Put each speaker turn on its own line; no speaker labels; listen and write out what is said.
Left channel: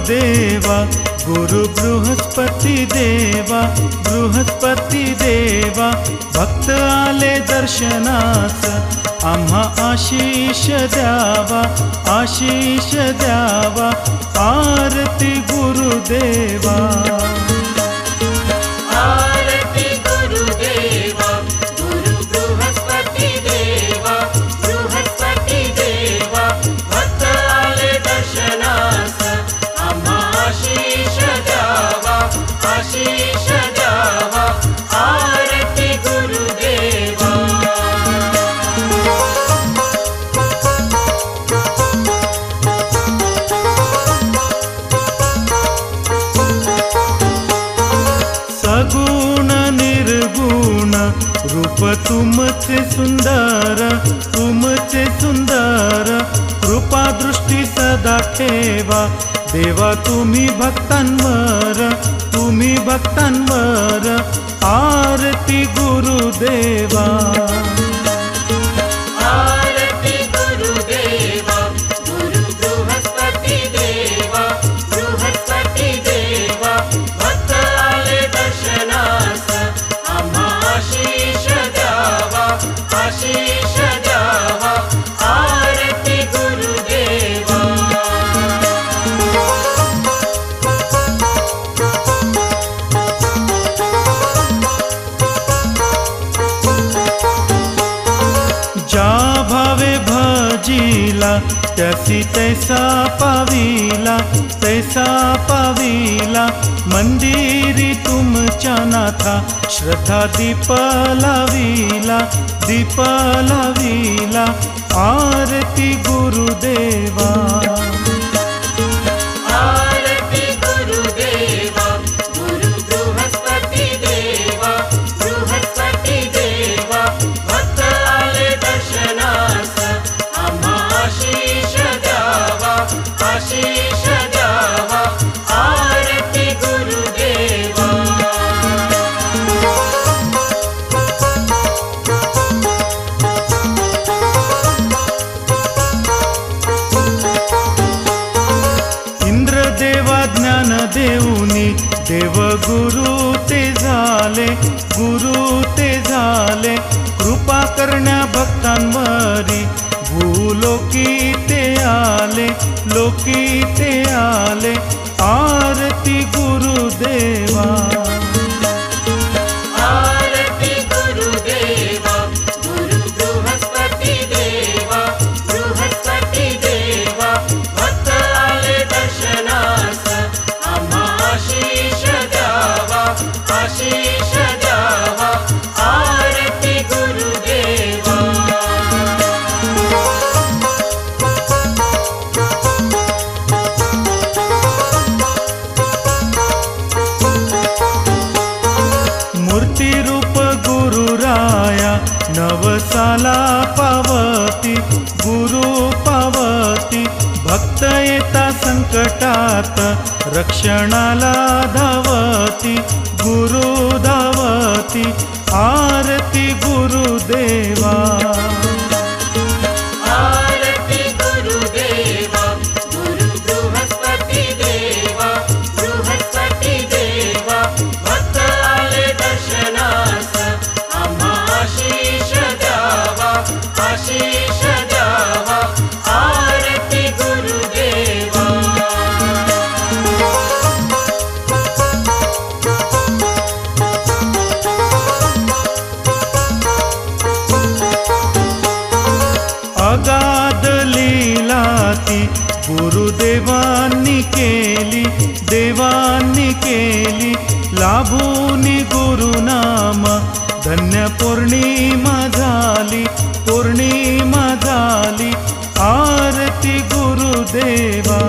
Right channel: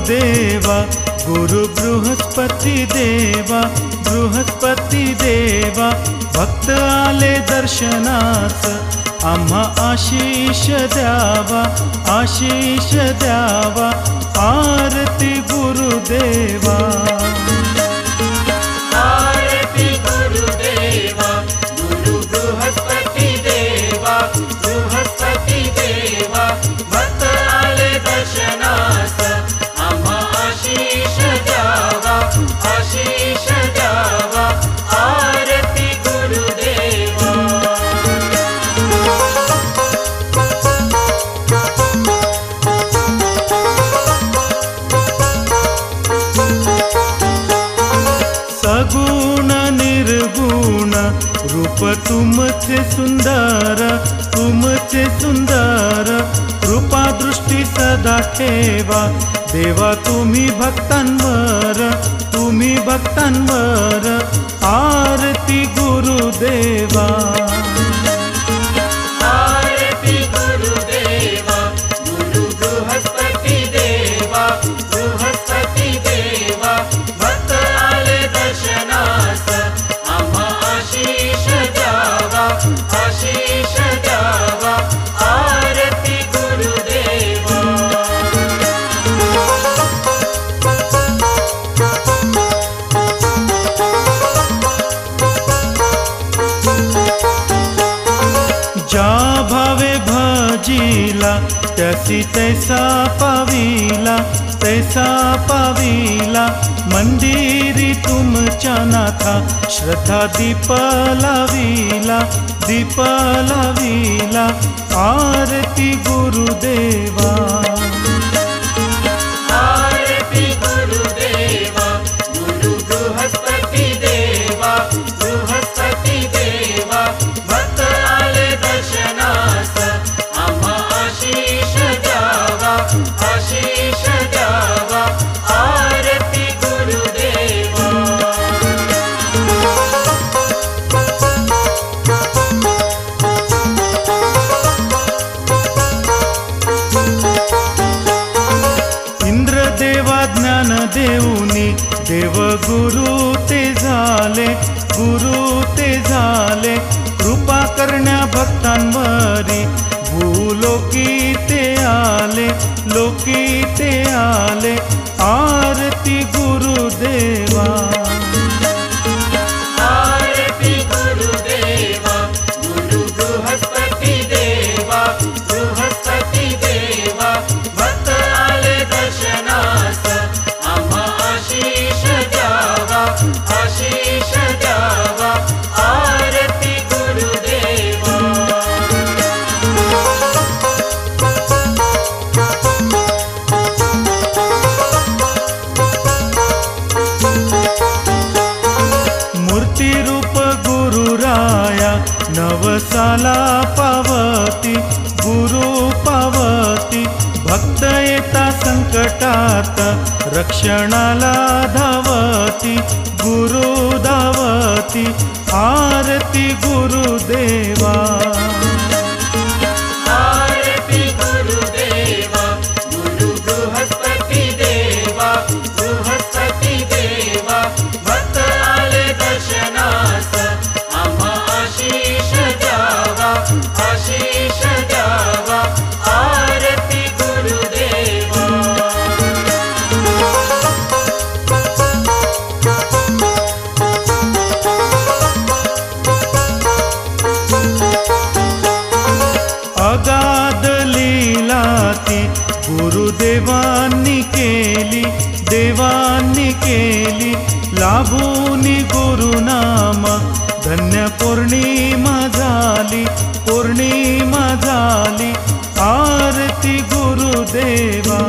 गुरुदेवा गुरु बृहस्पती देवा बृहस्पती देवा भक्त आले दर्शनास आम्हा आशीष द्यावा आशीष द्यावा आरती गुरुदेवा. गुण निर्गुण रूप तुमचे सुंदर तुमचे सुंदर कृपा दृष्टी सदा ठेवा. देवा तुम्ही भक्तांवर तुम्ही भक्तांवर आरती गुरुदेवा. भजिला त्यासी तैसा पाविला तैसा पाविला मंदिरी तुमच्या नाथा श्रद्धा दीप लाविला दीप लाविला आरती गुरुदेवा. ज्ञान देऊनी देव गुरु ते झाले गुरु ते झाले. कृपा करण्या भक्तांवरी भूलोकी ते आले लोकी ते आले. आरती गुरुदेवा. मूर्ती रूप गुरुराया नवसाला पावती गुरु पावती. भक्त येता संकटात रक्षणाला धावती गुरु धावती. आरती गुरुदेवा. लाभूनी गुरुनाम धन्य पौर्णिमा झाली पौर्णिमा झाली आरती गुरुदेवा